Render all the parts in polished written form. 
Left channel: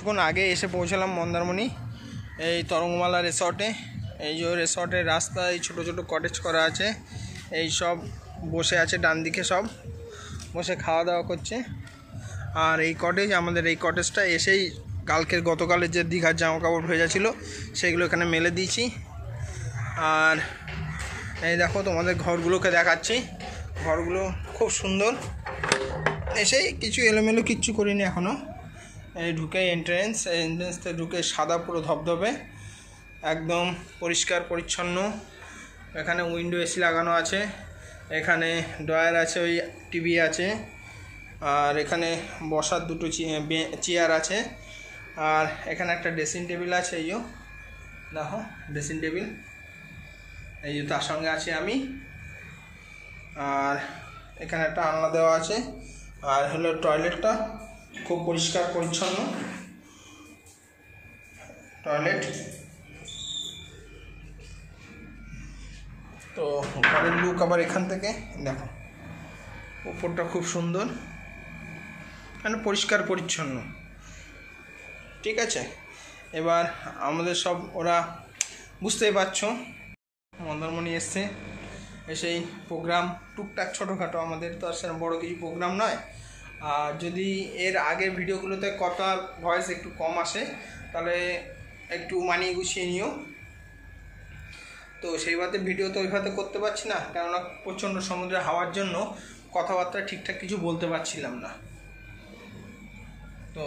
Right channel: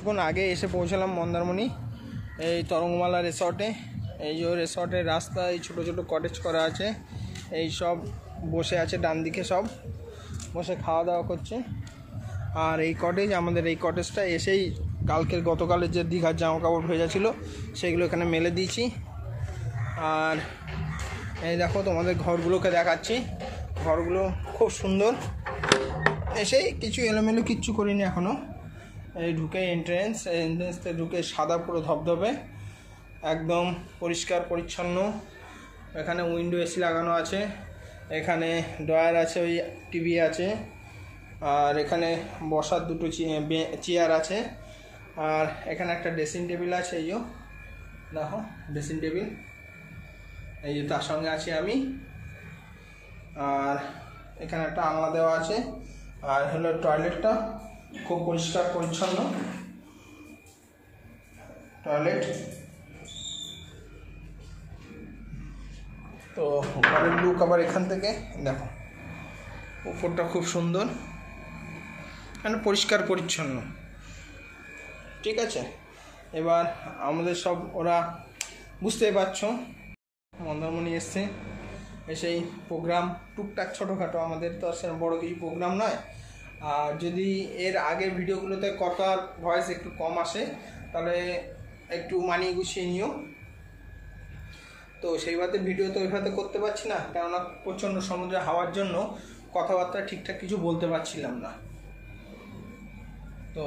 কিছুক্ষণ আগে এসে পৌঁছালাম মন্দারমণি এই তরঙ্গমালা রিসর্টে। এই যে রিসর্টের রাস্তা, এই ছোটো ছোটো কটেজ করা আছে, এই সব বসে আছে ডান দিকে, সব বসে খাওয়া দাওয়া করছে। আর এই কটেজ, আমাদের এই কটেজটা এসেই গতকালের যে দীঘার জামা কাপড় ভেজা ছিল সেগুলো এখানে মেলে দিয়েছি। আর এই দেখো তোমাদের ঘরগুলোকে দেখাচ্ছি, ঘরগুলো খুব সুন্দর। এসেই কিছু এলোমেলো কিচ্ছু করিনি এখনও। এই ঢুকে এন্ট্রেন্সতে ঢুকে সাদা পুরো ধবধবে, একদম পরিষ্কার পরিচ্ছন্ন। এখানে উইন্ডো এসি লাগানো আছে, এখানে ড্রয়ার আছে, ওই টিভি আছে, আর এখানে বসার দুটো চেয়ার আছে। আর এখানে একটা ড্রেসিং টেবিল আছে, এই যে দেখো ড্রেসিং টেবিল, এই যে তার সঙ্গে আছি আমি। আর এখানে একটা আলনা দেওয়া আছে। আর হলো টয়লেটটা খুব পরিষ্কার পরিচ্ছন্ন টয়লেট। তো ঘরের লুক আবার এখান থেকে দেখো, উপরটা খুব সুন্দর, মানে পরিষ্কার পরিচ্ছন্ন। ঠিক আছে, এবার আমাদের সব ওরা বুঝতেই পারছো মন্দারমণি এসছে, এসেই প্রোগ্রাম টুকটাক ছোটোখাটো, আমাদের তো আর সেরকম বড়ো কিছু প্রোগ্রাম নয়। আর যদি এর আগের ভিডিওগুলোতে কথার ভয়েস একটু কম আসে তাহলে একটু মানিয়ে গুছিয়ে নিও। তো সেইভাবে ভিডিও তো ওইভাবে করতে পারছি না, কেননা প্রচণ্ড সমুদ্রে হাওয়ার জন্য কথাবার্তা ঠিকঠাক কিছু বলতে পারছিলাম না। তো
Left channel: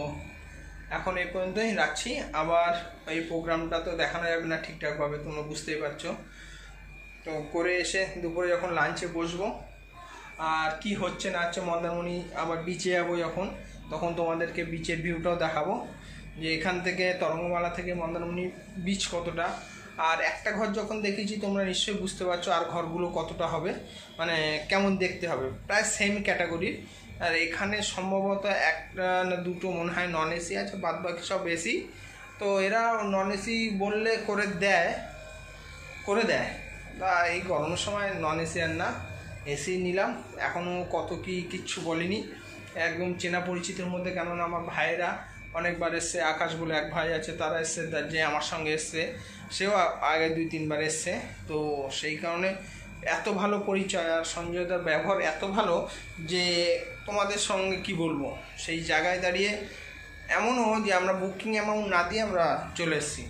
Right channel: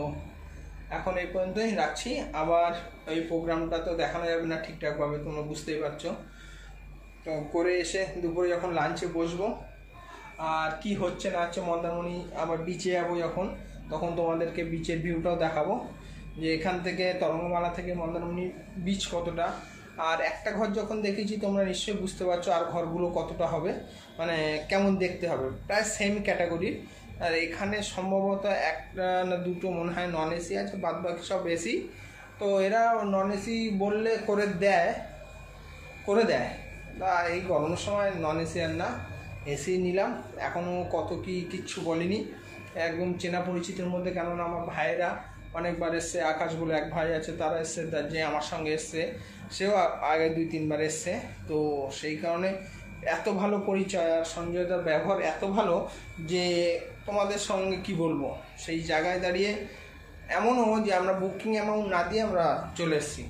এখন এই পর্যন্তই রাখছি। আবার এই প্রোগ্রামটা তো দেখানো যাবে না ঠিকঠাকভাবে, তোমরা বুঝতেই পারছো। তো করে এসে দুপুরে যখন লাঞ্চে বসবো, আর কি হচ্ছে না হচ্ছে মন্দারমণি, আবার বিচে যাবো যখন, তখন তোমাদেরকে বিচের ভিউটাও দেখাবো, যে এখান থেকে তরঙ্গমালা থেকে মন্দারমণি বিচ কতটা। আর একটা ঘর যখন দেখেছি তোমরা নিশ্চয়ই বুঝতে পারছো আর ঘরগুলো কতটা হবে, মানে কেমন দেখতে হবে, প্রায় সেম ক্যাটাগরির। আর এখানে সম্ভবত একটা না দুটো মনে হয় নন এসি আছে, বাদ বাকি সব এসি। তো এরা নন এসি বললে করে দেয়। তা এই গরমের সময় নন এসি আর না, এসি নিলাম। এখনও কত কি কিচ্ছু বলিনি, একদম চেনা পরিচিতের মধ্যে। কেননা আমার ভাইয়েরা অনেকবার এসছে, আকাশ বলে এক ভাই আছে, তারা এসছে, যে আমার সঙ্গে এসছে, সেও আগে 2-3 বার এসছে। তো সেই কারণে এত ভালো পরিচয়, আর সঞ্জয়দার ব্যবহার এত ভালো যে তোমাদের সঙ্গে কি বলবো। সেই জায়গায় দাঁড়িয়ে এমনও যে আমরা বুকিং অ্যামাউন্ট না দিয়ে আমরা চলে এসেছি।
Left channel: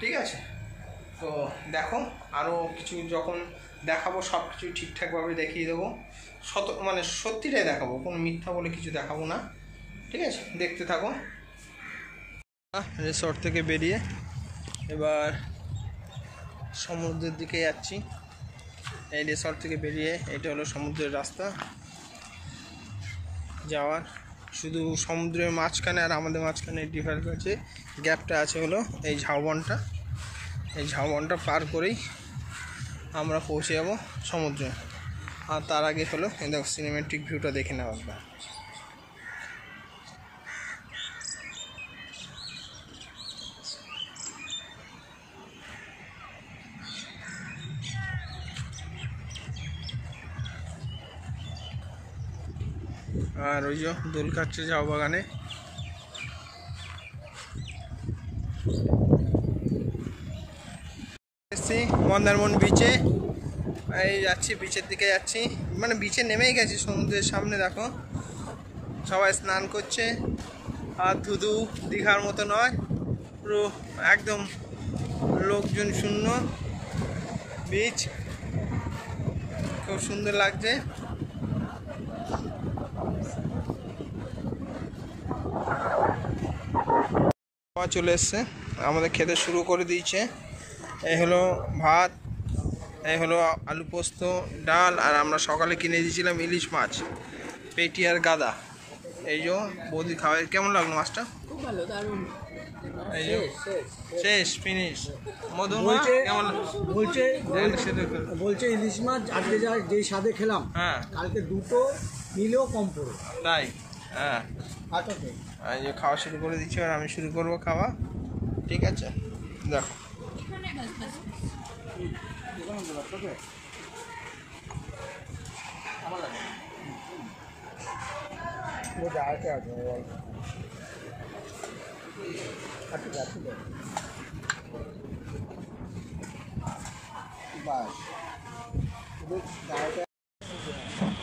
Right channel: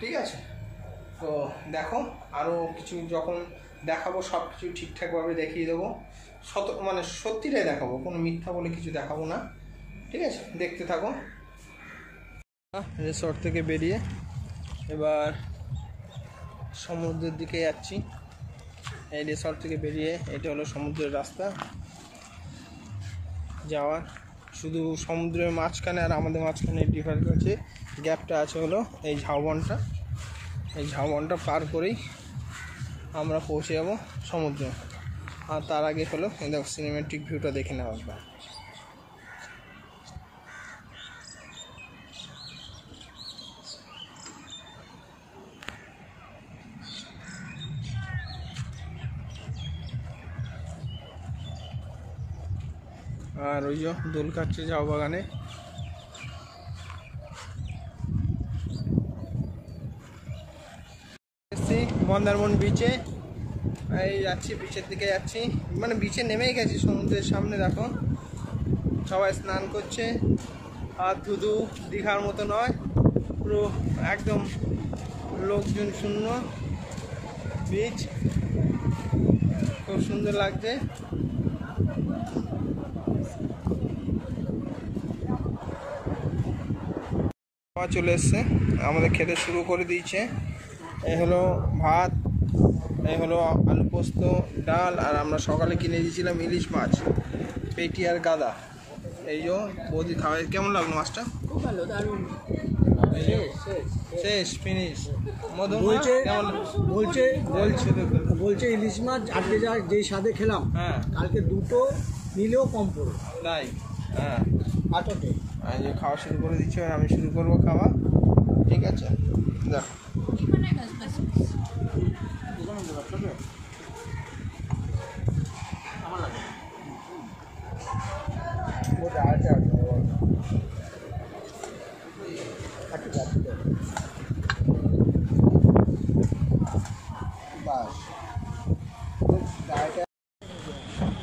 ঠিক আছে, তো দেখো আরও কিছু যখন দেখাবো সব কিছু ঠিকঠাকভাবে দেখিয়ে দেবো, মানে সত্যিটাই দেখাবো, কোনো মিথ্যা বলে কিছু দেখাবো না। ঠিক আছে, দেখতে থাকো। রিসর্ট থেকে বেরিয়ে এবার সমুদ্রের দিকে যাচ্ছি। এই রিসর্ট থেকে বেরিয়ে এটা হলো সমুদ্রের রাস্তা যাওয়ার। শুধু সমুদ্রের মাঝখানে আর আমাদের মাঝখানে ডিফারেন্স আছে, গ্যাপটা আছে হলো এই ঝাউবনটা। এই ঝাউবনটা পার করেই আমরা পৌঁছে যাব সমুদ্রে। আর তার আগে হলো এই দেখো সিনেমেটিক ভিউটা দেখে নেওয়া একবার। আর ওই যে দোল কাটছে ঝাউ বাগানে। এসছি মন্দারমণি বিচে, এই যাচ্ছি বিচের দিকে যাচ্ছি, মানে বিচে নেমেই গেছি সমুদ্রের সামনে। দেখো সবাই স্নান করছে, আর ধুধু দীঘার মতো নয়, পুরো একদম লোকজন শূন্য বিচ, খুব সুন্দর লাগছে। চলে এসছে, আমাদের খেতে শুরু করে দিয়েছে। এই হলো ভাত, এই হলো আলু পোস্ত, ডাল, আর আমরা সকালে কিনে দিয়েছিলাম ইলিশ মাছ, পেটি আর গাদা। এই যে বৌদি খাওয়াই, কেমন লাগলো মাছটা? খুব ভালো, দারুণ। এই যে শেষ ফিনিশ। মধুমা কেমন বলছে ইলিশ মাছ আজকে যেই স্বাদে খেলাম, হ্যাঁ কালকে দুটো নিলেও কম পড়ে। তাই? হ্যাঁ, আচ্ছা, এই যে খাওয়া শুরু করে দিচ্ছি, আর আমি শুরু করবো খাওয়া। ঠিক আছে, দেখো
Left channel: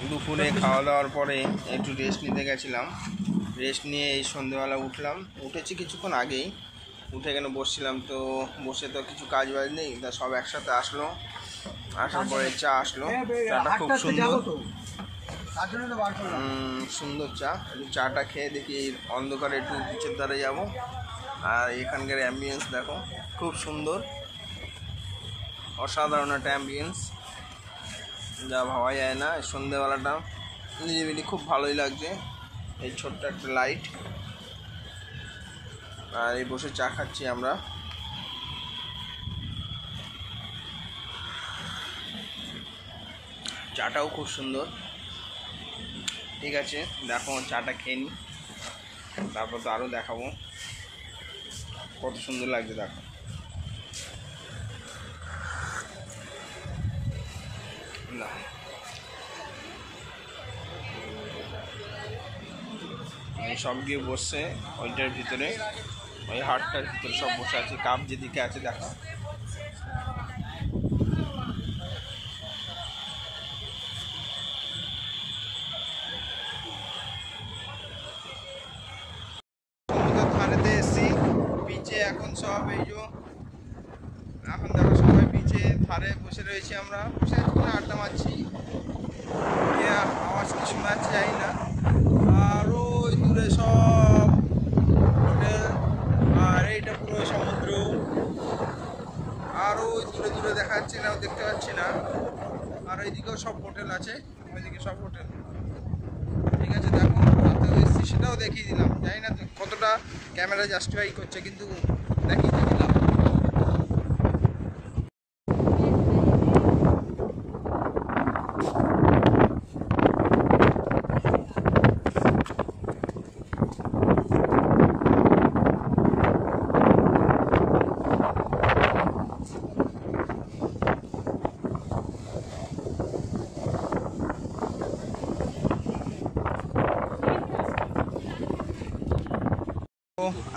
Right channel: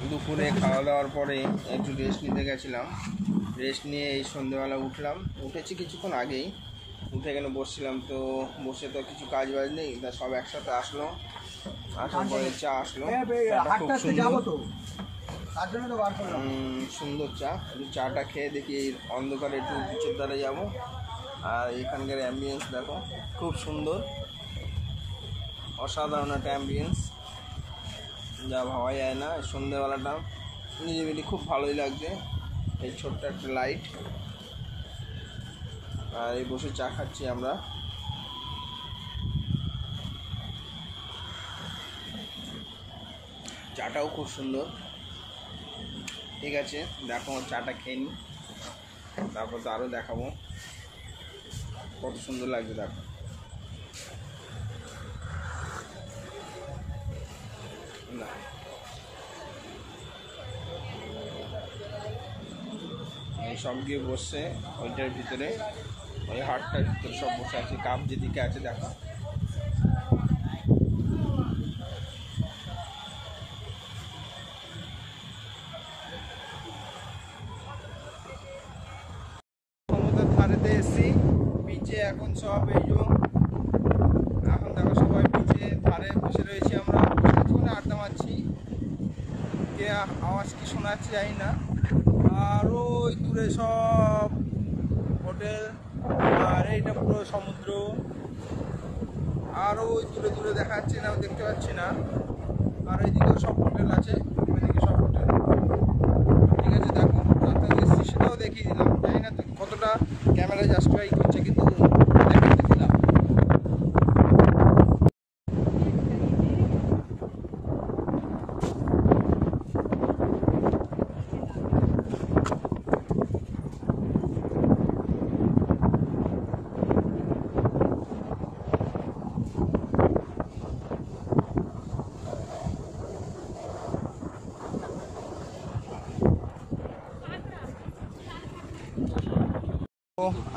দুপুরে খাওয়া দাওয়ার পরে একটু রেস্ট নিতে গেছিলাম। রেস্ট নিয়ে এই সন্ধ্যেবেলা উঠলাম, উঠেছি কিছুক্ষণ আগেই, উঠে এখানে বসছিলাম। তো বসে তো কিছু কাজ বাজ নেই, তা সব একসাথে আসলো। আসার পরে চা আসলো, চাটা খুব সুন্দর, সুন্দর চা। একটু চাটা খেয়ে দেখি এই অন্ধকারে একটু নিচের দ্বারে যাবো। আর এখানকার অ্যাম্বিয়েন্স দেখো, খুব সুন্দর, অসাধারণ একটা অ্যাম্বিয়েন্স, যা ভাবা যায় না। এই সন্ধ্যেবেলাটা নিরিবিলি খুব ভালোই লাগছে। এই ছোট্ট একটা লাইট, আর এই বসে চা খাচ্ছি আমরা। চাটাও খুব সুন্দর। ঠিক আছে, দেখো চাটা খেয়ে নিই, তারপর তো আরও দেখাবো কত সুন্দর লাগছে। দেখো না, এই সব গিয়ে বসছে ওইটার ভিতরে, ওই হাটটার ভিতরে সব বসে আছে। কাপ যেদিকে আছে দেখো, সমুদ্রের ধারেতে এসছি। বিচে এখন সব এই যে এখন দেখো সবাই বিচে ধারে বসে রয়েছি। আমরা বসে আছি, আড্ডা মারছি। কে আওয়াজ কি শোনা যাচ্ছে জানি না। আর ওই দূরে সব হোটেল, আর এইটা পুরো সমুদ্র। আর ওই দূরে দূরে দেখা যাচ্ছে না, দেখতে পাচ্ছি না। আর এইদিকেও সব হোটেল আছে, ওইদিকে সব হোটেল। ঠিক আছে, দেখো রাতে এসছি, সেটাও দেখিয়ে দিলাম। জানি না কতটা ক্যামেরা জাস্টিফাই করছে, কিন্তু দেখিয়ে দিলাম।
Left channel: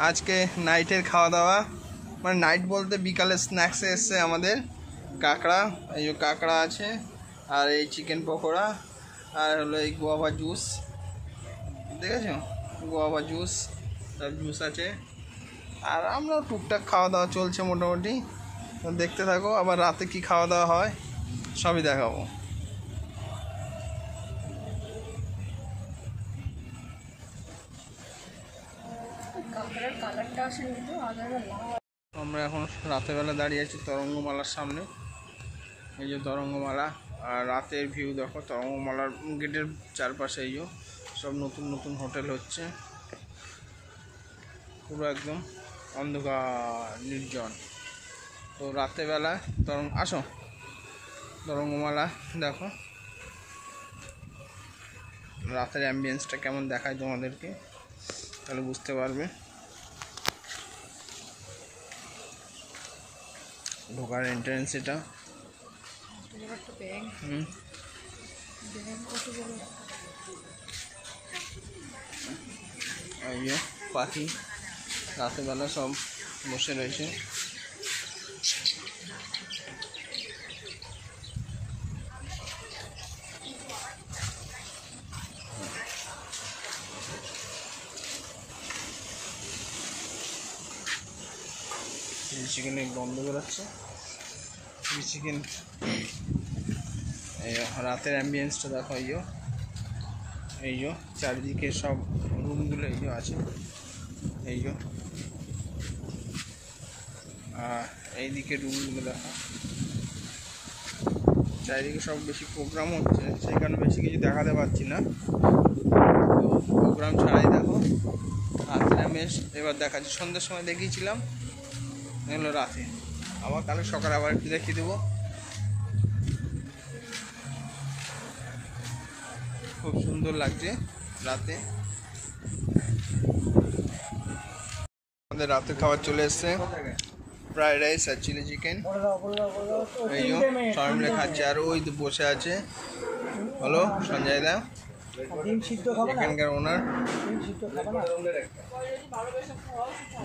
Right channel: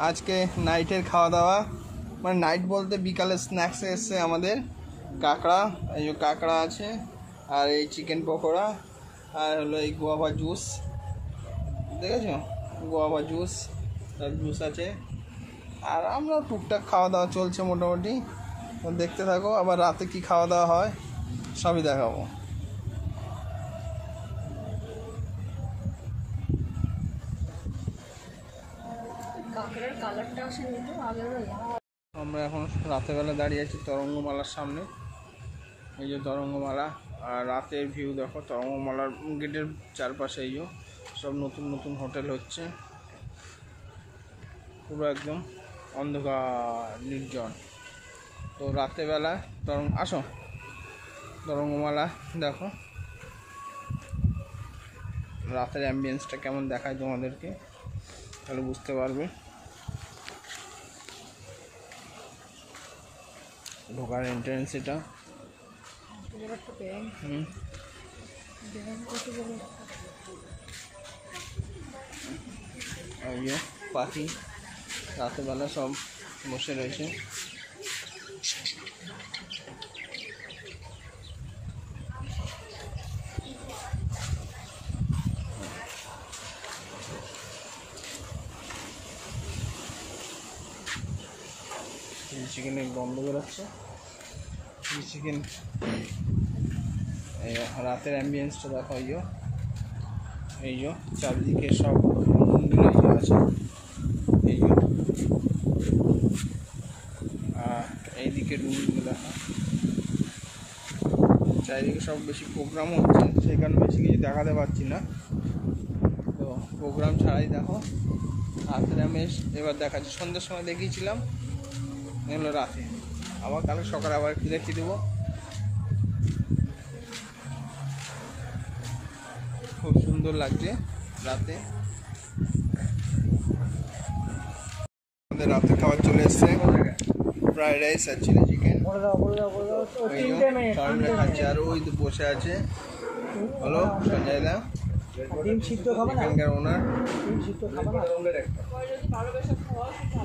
আজকে নাইটের খাওয়া দাওয়া, মানে নাইট বলতে বিকালে স্ন্যাক্সে এসছে আমাদের কাঁকড়া। এই যে কাঁকড়া আছে, আর এই চিকেন পকোড়া, আর হলো এই গোয়াভা জুস। দেখেছো, গোয়াভা জুস, তার জুস আছে। আর আমরা টুকটাক খাওয়া দাওয়া চলছে মোটামুটি। দেখতে থাকো, আবার রাতে কি খাওয়া দাওয়া হয় সবই দেখাবো। আমরা এখন রাতেরবেলা দাঁড়িয়ে আছি তরঙ্গমালার সামনে। এই যে তরঙ্গমালা, আর রাতের ভিউ দেখো। তরঙ্গমালার গেটের চারপাশে এই যে সব নতুন নতুন হোটেল হচ্ছে, পুরো একদম অন্ধকার নির্জন। তো রাতেরবেলা আসো তরঙ্গমালা দেখো, রাতের অ্যাম্বিয়েন্সটা কেমন দেখায় তোমাদেরকে, তাহলে বুঝতে পারবে। ঢোকার এন্ট্রেন্স এটা। এই পাখি রাতেরবেলা সব বসে রয়েছে। চিকেনের গন্ধ বেরোচ্ছে, চিকেন। এই রাতের অ্যাম্বিয়েন্সটা দেখো। এই যে চারিদিকে সব রুমগুলো আছে, এই যে এইদিকে রুমগুলো দেখো। চারিদিকে সব বেশি প্রোগ্রাম হচ্ছে, সেই কারণে বেশি কিছু দেখাতে পারছি না। তো প্রোগ্রাম ছাড়াই দেখো রাতের অ্যাম্বিয়েন্স এবার দেখাচ্ছি। সন্ধ্যের সময় দেখিয়েছিলাম, এগুলো রাতে। আবার কালকে সকালে আবার একটু দেখিয়ে দেবো। খুব সুন্দর লাগছে রাতে। আমাদের রাতের খাবার চলে এসছে, ফ্রাইড রাইস আর চিলি চিকেন। এই সবাই মিলে খাচ্ছে। আর ওই তো বসে আছে হলো সঞ্জয় দা, এখানকার ওনার।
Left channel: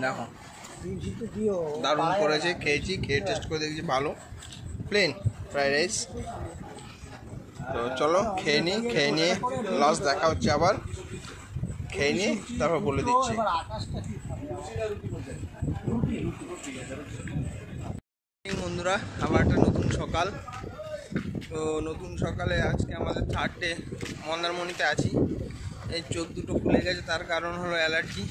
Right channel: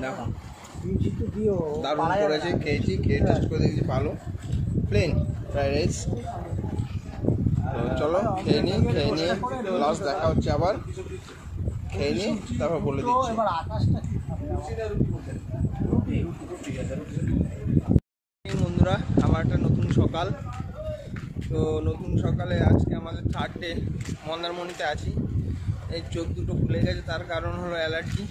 দেখো দারুণ করেছে, খেয়েছি, খেয়ে টেস্ট করে দেখছি ভালো। Plain fried rice. তো চলো খেয়ে নিয়ে লাস্ট দেখা হচ্ছে, আবার খেয়ে নিয়ে তারপর বলে দিচ্ছি। বন্ধুরা, আবার একটা নতুন সকাল। তো নতুন সকালে আজকে আমাদের 3rd ডে, মন্দারমণিতে আছি। এই চোখ দুটো খুলে গেছে, তার কারণ হলো অ্যালার্জি।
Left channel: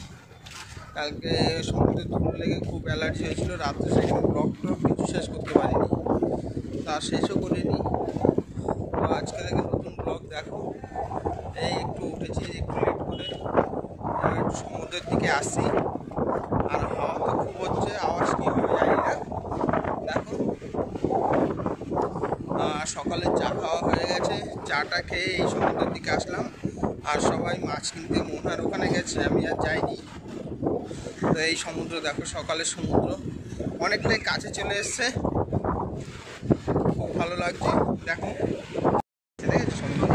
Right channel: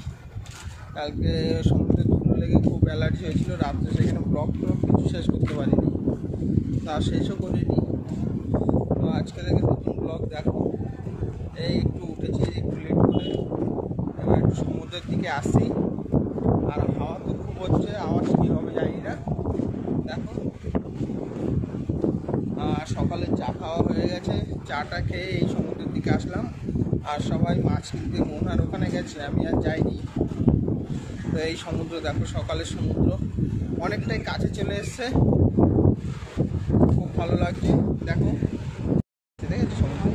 কালকে সমুদ্রে ধুলো লেগে খুব অ্যালার্জি হয়েছিল, রাত্রে সেখানে ব্লগ কিছু শেষ করতে পারিনি, তা শেষও করিনি। তো আজকে থেকে নতুন ব্লগ দেখো। এই একটু উঠেছি, একটু লেট করে, একটু সমুদ্রের দিকে আসি। আর হাওয়া তো খুব হচ্ছে, আওয়াজ কী হবে জানি না। দেখো, আর সকালে চা খাওয়া হয়ে গেছে, চাটা খেয়ে এই সমুদ্রের দিকে আসলাম। আর সবাই মাছ কিনতে মোহনার ওখানে গেছে, আমি আর যাইনি। তো এই সমুদ্র দেখো, সকালের সমুদ্র অনেকটাই কাছে চলে এসছে, খুব ভালো লাগছে। দেখো, ঠিক আছে সমুদ্র।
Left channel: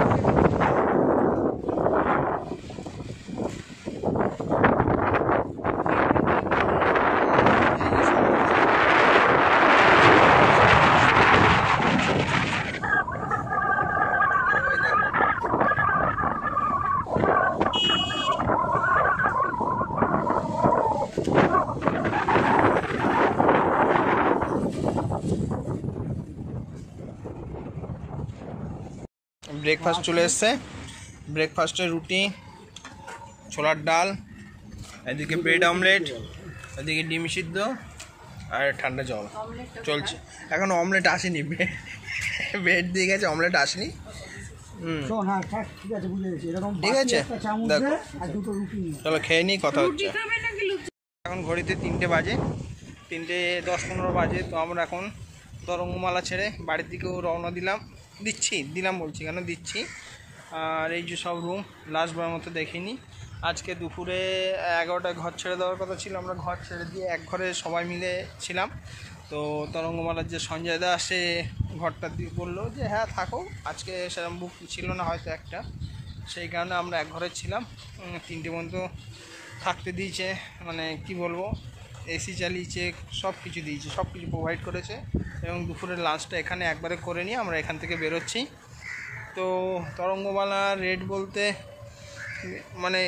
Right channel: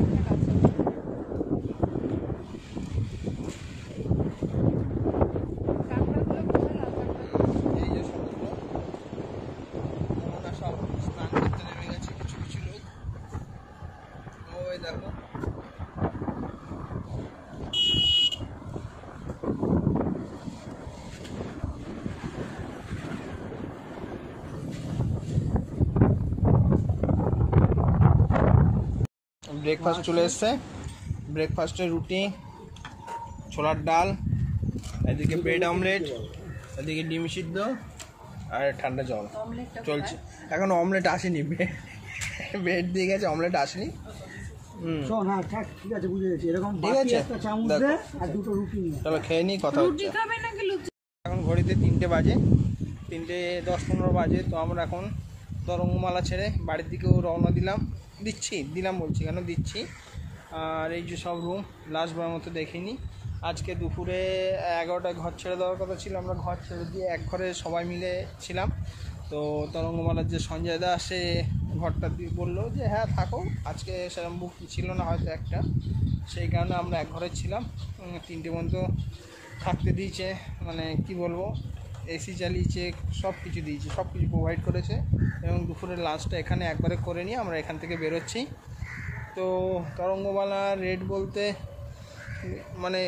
ব্রেকফাস্ট চলে এসছে। ব্রেকফাস্টে রুটি, ছোলার ডাল, এদিকে ব্রেড অমলেট, এদিকে ডিম সিদ্ধ আর ঠান্ডা জল চলছে। এখন অমলেট আসেনি, ব্রেড দিয়ে গেছে, অমলেট আসেনি। ঠিক আছে, দেখো চলো খেয়ে নিই, কথা হচ্ছে। এখন ঘড়িতে 3টে বাজে, 3:10-15 বাজে। তো আমরা এখন তরঙ্গমালা ছেড়ে বাড়ির দিকেও রওনা দিলাম বলছি কেন, দিচ্ছি। আর এই যে সব রুম লাস্টবার মতো দেখিনি। আজকে দুপুরে 11টায় ঘর ছেড়ে দেওয়ার কথা ছিল, আমরা ঘর ছেড়ে দিয়ে এক ঘরে সবাই মিলে ছিলাম। তো তরঙ্গমালার যে সঞ্জয় দা, সে ঘরটা দিয়ে বললো যে হ্যাঁ থাকো, আজকে সেরকম বুক ছিল না হয়তো একটা, সেই কারণে আমরা এক ঘরে ছিলাম। 3টে পর্যন্ত থাকতে দিয়েছে, মানে কি বলবো, এসি চালিয়েছে, সব কিছু দিয়েছে, সব কিছু প্রোভাইড করেছে। এবং দুপুরের লাঞ্চটা এখানে একবারে করে নিয়ে আমরা এখান থেকে বেরোচ্ছি। তো তরঙ্গমালার রেট বলতে মানে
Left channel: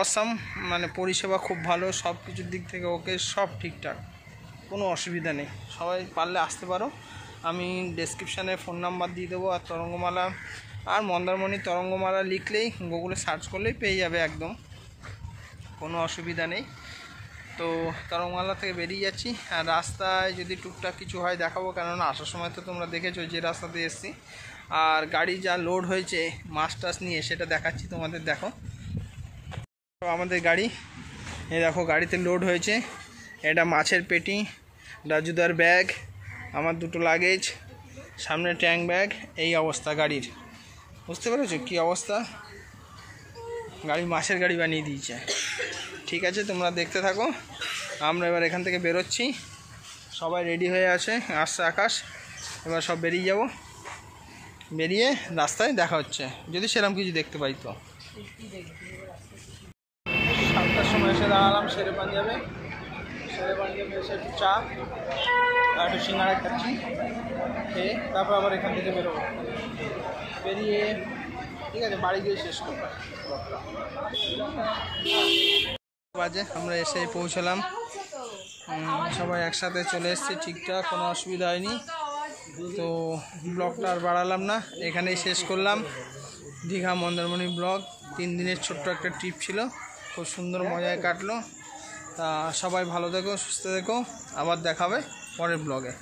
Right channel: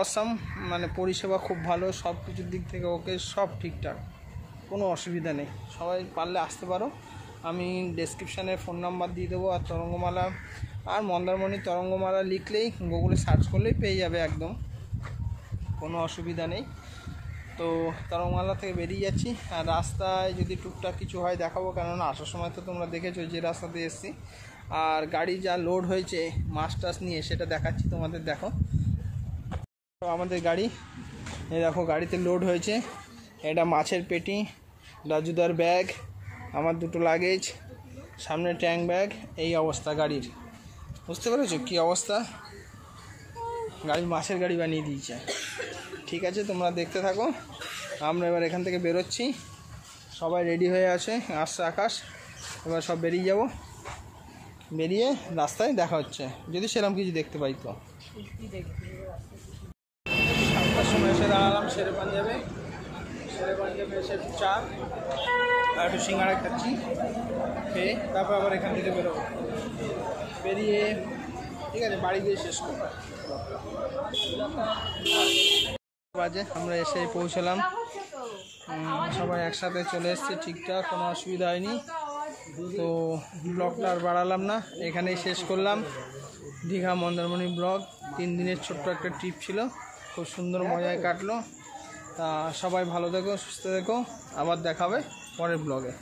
অসাম, মানে পরিষেবা খুব ভালো, সব কিছুর দিক থেকে ওকে, সব ঠিকঠাক, কোনো অসুবিধা নেই। সবাই পারলে আসতে পারো, আমি ডেসক্রিপশানে ফোন নাম্বার দিয়ে দেবো। আর তরঙ্গমালা আর মন্দারমণি তরঙ্গমালা লিখলেই, গুগলে সার্চ করলেই পেয়ে যাবে, একদম কোনো অসুবিধা নেই। তো তরঙ্গমালা থেকে বেরিয়ে যাচ্ছি। আর রাস্তায় যদি টুকটাক কিছু হয় দেখাবো, কেননা আসার সময় তো তোমরা দেখেছো যে রাস্তাতে এসেছি। আর গাড়ি যা লোড হয়েছে মাছ টাছ নিয়ে, সেটা দেখাচ্ছি তোমাদের, দেখো। তো আমাদের গাড়ি, এই দেখো গাড়িতে লোড হয়েছে। এটা মাছের পেটি, রাজুদার ব্যাগ, আমার 2টো লাগেজ, সামনে ট্যাঙ্ক ব্যাগ, এই অবস্থা গাড়ির। বুঝতে পেরেছো কী অবস্থা? গাড়ি মাছের গাড়ি বানিয়ে দিয়েছে। ঠিক আছে, তোমরা দেখতে থাকো। আমরা এবার এখান থেকে বেরোচ্ছি, সবাই রেডি হয়ে আসছে আকাশ। এবার সব বেরিয়ে যাব, বেরিয়ে রাস্তায় দেখা হচ্ছে, যদি সেরকম কিছু দেখতে পাই। তো 7টার সময় এসে দাঁড়ালাম শেরে পাঞ্জাবে এসে একটু চা আর একটু সিঙ্গাড়া খাচ্ছি, খেয়ে তারপর আবার এখান থেকে বেরোবো। বেরিয়ে ঠিক আছে, বাড়ি গিয়ে শেষ করবো। বাজে আমরা এসে পৌঁছলাম, সবাই একসাথে চলে এসেছি, ঠিকঠাক, কোনো অসুবিধা হয়নি। তো ব্লগটা আর বাড়ালাম না, এখানেই শেষ করলাম। দীঘা মন্দারমণি ব্লগ, 3 দিনের ছোট্ট একটা ট্রিপ ছিল, খুব সুন্দর মজায় কাটলো। তা সবাই ভালো থেকো, সুস্থ থেকো, আবার দেখাবে পরের ব্লগে।